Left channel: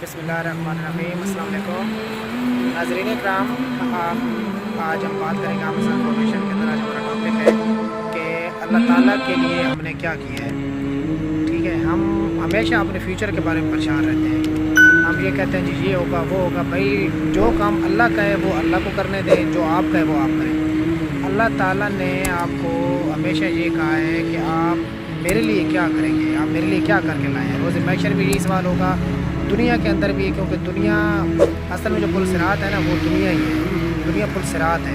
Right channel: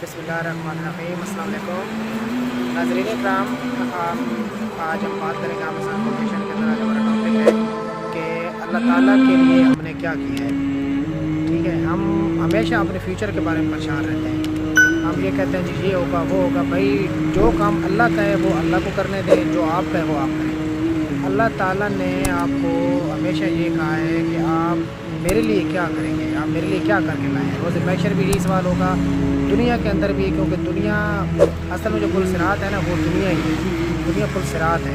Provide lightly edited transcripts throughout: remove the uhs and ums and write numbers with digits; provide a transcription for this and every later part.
बिस्मिल्लाहिर्रहमानिर्रहीम। अस्सलाम वालेकुम नाज़रीन इकराम। आज हम बात करेंगे अमेज़न फाउंडेशन के अंदर। आज हमारा टॉपिक है कि अल्लाह ताला के लिए हमने क्या किया है। ठीक है, हम हमेशा अपने फ्यूचर के बारे में परेशान रहते हैं। हम ये कहते हैं जी ये होगा वो होगा। भाई जो काम अल्लाह का है वो अल्लाह को करने दें, जो आपका है वो आप करें। अल्लाह ताला ने आपको हमेशा ये कहा है कि आप मेरे लिए क्या करेंगे, आप मेरे लिए क्या करके लाए हैं। रोज़ महशर भी यही सवाल होगा, दुनिया के अंदर भी, क्योंकि दुनिया असल में जो पुल सिरात है ना, वो दुनिया ही है। दुनिया पुल सिरात है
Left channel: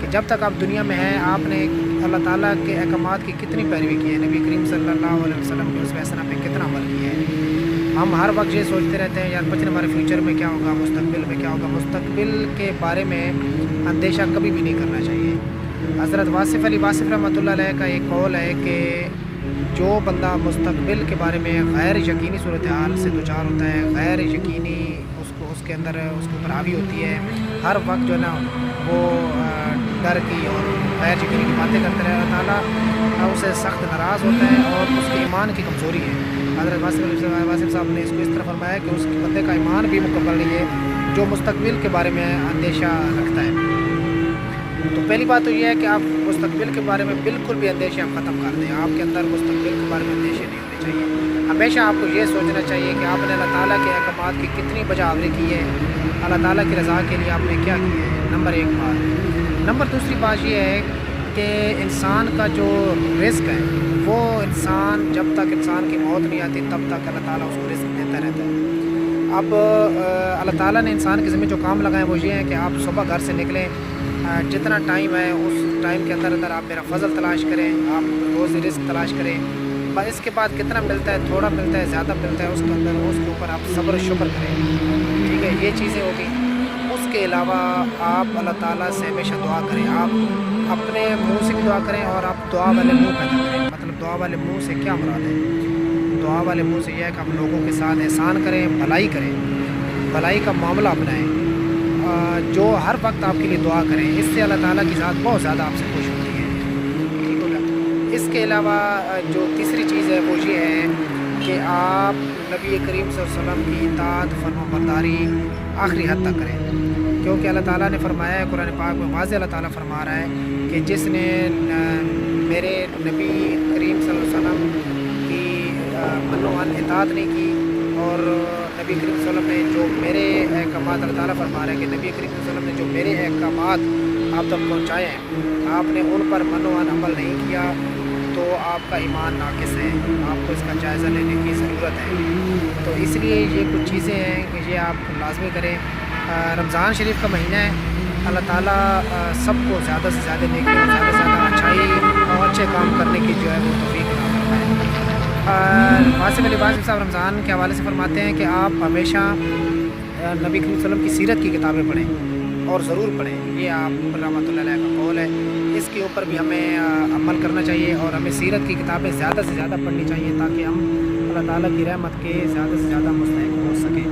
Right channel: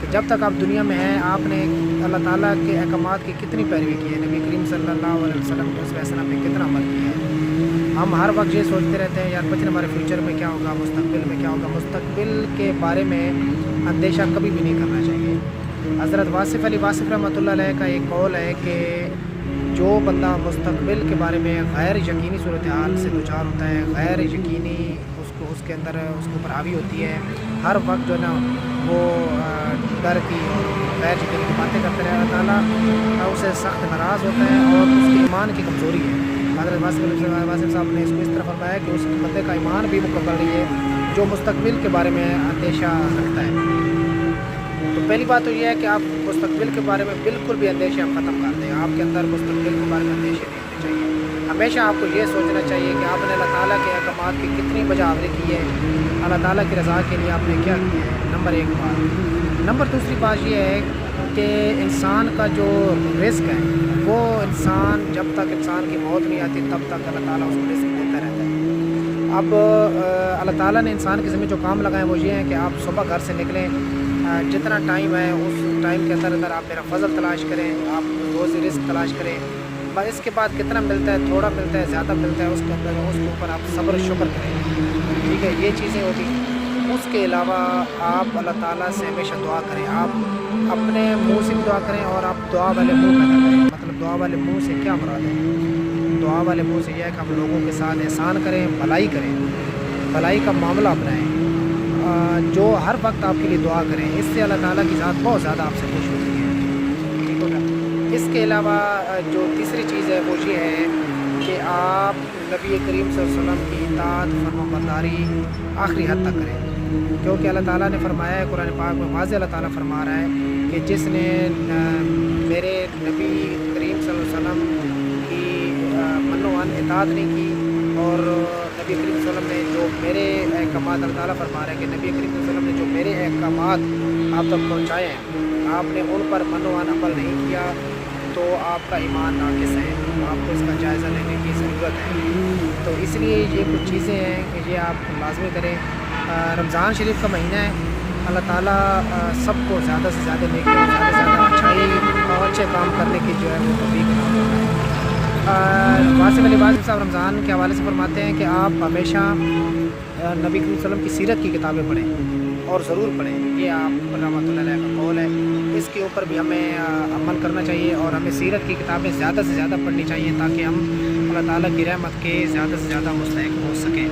कि जब तक आप दुनिया में हैं आपने अल्लाह ताला के अहकामात की कितनी पैरवी की है, नबी करीम सल्लल्लाहु अलैहि वसल्लम के उस फैसला पे कितना अमल किया है। हम हर वक्त ये सोचते रहते हैं यार बच्चे हमारे फ्यूचर में क्या होगा, मुस्तकबिल में क्या होगा। मुस्तकबिल के बारे में अंदेशा कभी भी नहीं करना चाहिए। हज़रत वासिफ़ अली वासिफ़ रहमतुल्लाह अलैह का एक कौल है कि जो बंदा मुस्तकबिल के बारे में गैर यकीनी सूरत हाल से दुचार होता है, गैर यकीनी उसके अंदर उसके ऊपर हावी होती है, हर वक्त जो है ना वो डर की और गैर यकीनी की बातें करते रहे, अल्लाह ताला उसे सख्त नाराज़ होता है और उसके ईमान की कमज़ोरी है। हज़रत वासिफ़ साहब ने इसको इस तरह फरमाया कि उस बंदे का ईमान भी मुकम्मल नहीं है जो मुस्तकबिल के बारे में अंदेशा रखता है। तो पहली बात तो ये है कि आप मुस्तकबिल के बारे में बिल्कुल भी अंदेशे आप ख़त्म कर दें। आपके अंदर मुस्तकबिल के बारे में अंदेशे नहीं होने चाहिए। हमेशा आपको ये सोचना चाहिए कि आपने अल्लाह ताला के अहकामात की कितनी बजावरी की है, अल्लाह ताला की रज़ा के लिए आपने क्या किया है। नंबर एक बात। नंबर दूसरी बात ये है कि इंसान का जो रिस्क है वो इंसान जब तक इंसान की मौत नहीं आती तब तक अल्लाह ताला उसको रिस्क देता रहता है। अब अल्लाह ताला ने इंसान के ज़िम्मे जो काम लगाए वो ये हैं कि आप सुबह घर से निकलें, जितना टाइम है उस टाइम के अंदर अंदर आप मेरा फ़ज़ल तलाश करें, आप रोज़ी रिस्क तलाश करें। बस इसके बाद कितना मिलता है, थोड़ा मिलता है, ज़्यादा मिलता है, उसके अंदर उसके ऊपर आप सब्र शुक्र करें। ठीक है, ये चीज़ें होगी। उसके अलावा आप अल्लाह ताला से हमेशा दुआ करें। आप अपने मुंह से भी दुआ करें और आप दुआ वाले मुंह पैदा करें। मतलब दुआ वाले मुंह से क्या मुराद है? दुआ वाले मुंह से यह है कि आप लोगों के साथ एहसान करें, भलाई करें, भलाई का मामला अपनाएं, जो हर वक्त आपके लिए दुआ करें। इससे अल्लाह ताला की ज़ात बहुत ज़्यादा आपसे खुश होती है। ठीक हो गया। इसके अलावा जो तीसरी चीज़ है वो ये है कि आप नबी करीम सल्लल्लाहु अलैहि वसल्लम की इताअत फरमाबरदारी आखिरी हद तक करें, क्योंकि अल्लाह ताला ने फरमाया है कुरान पाक में, वाज़े अल्लाह ताला फरमा रहा है कि जिसने मेरे नबी करीम सल्लल्लाहु अलैहि वसल्लम की मन्नो-अन इताअत नहीं की और नबी करीम सल्लल्लाहु अलैहि वसल्लम ने जो मेरे अहकामात, अल्लाह ताला फरमा रहा है कि नबी करीम सल्लल्लाहु अलैहि वसल्लम ने जो मेरे अहकामात आप तक पहुँचाए हैं, आपने उन पर मनो-अन अमल नहीं किया तो आपका ईमान नाक़िस है। आपको इसका जायज़ा लेने की ज़रूरत है। तो इसलिए ये कुछ चीज़ें हैं कि ये आप लाज़मी करें। रमज़ान शरीफ का महीना है, अल्लाह ताला सबको ज़्यादा से ज़्यादा नेकी और ज़्यादा से ज़्यादा अच्छाई और अच्छे काम करने की जो है वो तौफ़ीक़ अता फरमाए। वासिफ़ अली वासिफ़ साहब रमज़ान के हवाले से फरमाते हैं कि आप हमेशा नबी करीम सल्लल्लाहु अलैहि वसल्लम की सीरत की किताबें पढ़ें और ज़रूर पढ़ें। ये आप रहमतुल्लाह अलैह का कौल है। इसके ऊपर भी हमें अमल करना चाहिए और हमें सीरत की किताबें ज़्यादा से ज़्यादा पढ़नी चाहिए ताकि हम अल्लाह ताला की रहमत के ज़्यादा से ज़्यादा मुस्तहिक़ हो सकें।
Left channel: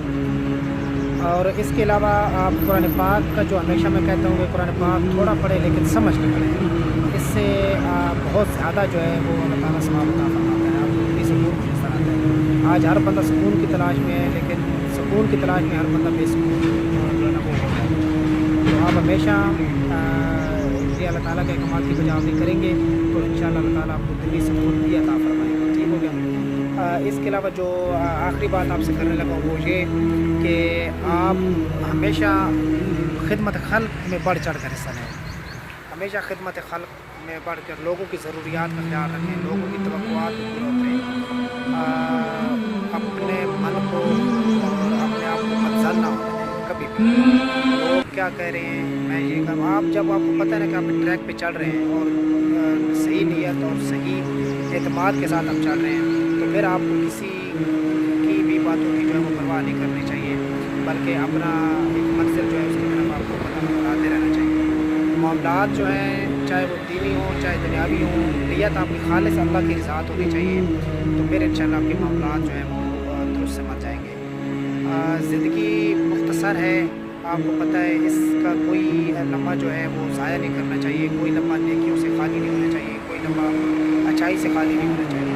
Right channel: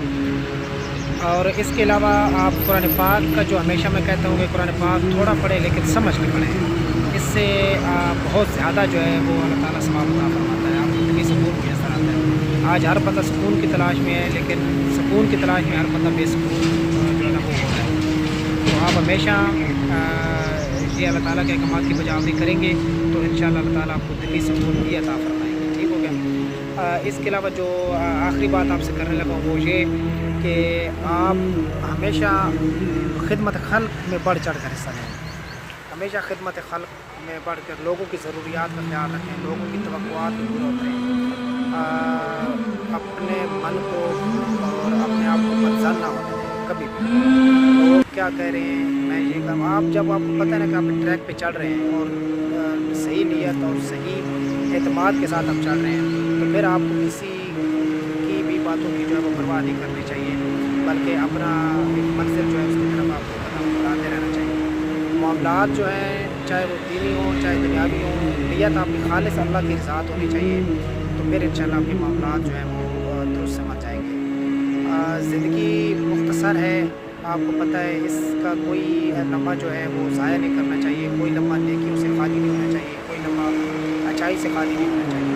और इसके अलावा आप कुरान पाक का, जो हमेशा मैं कहता हूँ कि कुरान पाक थोड़ा पढ़ें लेकिन समझ के पढ़ें। इससे बहुत ज़्यादा जो है वो अल्लाह ताला सवाब अता फरमाता है, आपको दिली सुकून मुयस्सर आता है। आज हर बंदा सुकून की तलाश में है, लेकिन सुकून की तलाश में हर बंदा बेसुकून जो है ना वो हो रहा है। तो आप हमेशा ये अल्लाह ताला के अहकामात की बजावरी करेंगे तो इंशाअल्लाह अल्लाह ताला आपको दिली सुकून भी अता फरमाएंगे। ठीक हो गया। इसके अलावा जो आखिरी बात आपसे करने लगा वो ये कि आप हमेशा खिदमत खल्क में बढ़ चढ़ कर हिस्सा लें। हमेशा खिदमत खल्क में बढ़ कर लोगों की ज़रूरियात का ख्याल रखें, लोगों की तवक्कुआत को पूरा उतरें, अपने मन को और अपने आप को मज़ल ना होने दें कभी भी। लोग क्या कह रहे हैं, मैं ये करूँ। आप जब आपको पता है ना कि आप ट्रैक पे चल रहे हैं और सही नीयत और सही एतमाद के साथ आप चल रहे हैं तो फिर आपको किसी की भी बातों की जो है वो परवाह नहीं करनी चाहिए, बल्कि अपना एक मंजिल जो है उसकी तरफ आपको कदम बढ़ाते रहना चाहिए। मामलात जो हैं चाहे वो दीनी हो चाहे दुनियावी हो, नीयत आपकी खालिस अल्लाह की रज़ात होनी चाहिए, तो फिर इंशाअल्लाह आपके मामलात जो हैं वो दुरुस्त समझ जाएंगे। ज़िंदगी मुख्तसर है, आपको पता है, इसका कोई लम्हा जो है वो ज़ाया नहीं करना चाहिए, कोई लम्हा नेकियों से खाली नहीं होना चाहिए, कोई लम्हा अच्छाई से खाली नहीं होना चाहिए।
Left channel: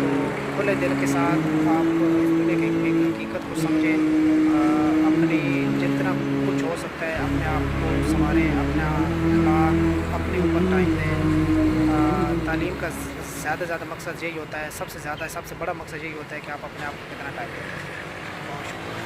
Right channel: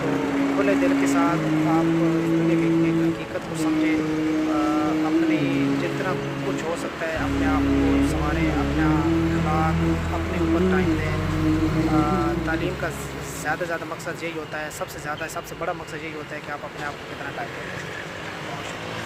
तो खुले दिल के साथ आप इस दुनिया के حقیقت کو سمجھیں، اپنی جتنا کچھ ہو سکتا ہے اپنے آپ کو سنواریں، اپنا اخلاق اپنے اوپر ٹائم دیں۔ تعلیم کا زیادہ سے زیادہ مقصد یہی ہوتا ہے، سب سے بڑا مقصد یہی ہوتا ہے کہ آپ اپنے آپ کو کتنا ٹائم دیتے ہیں۔ بہت شکریہ۔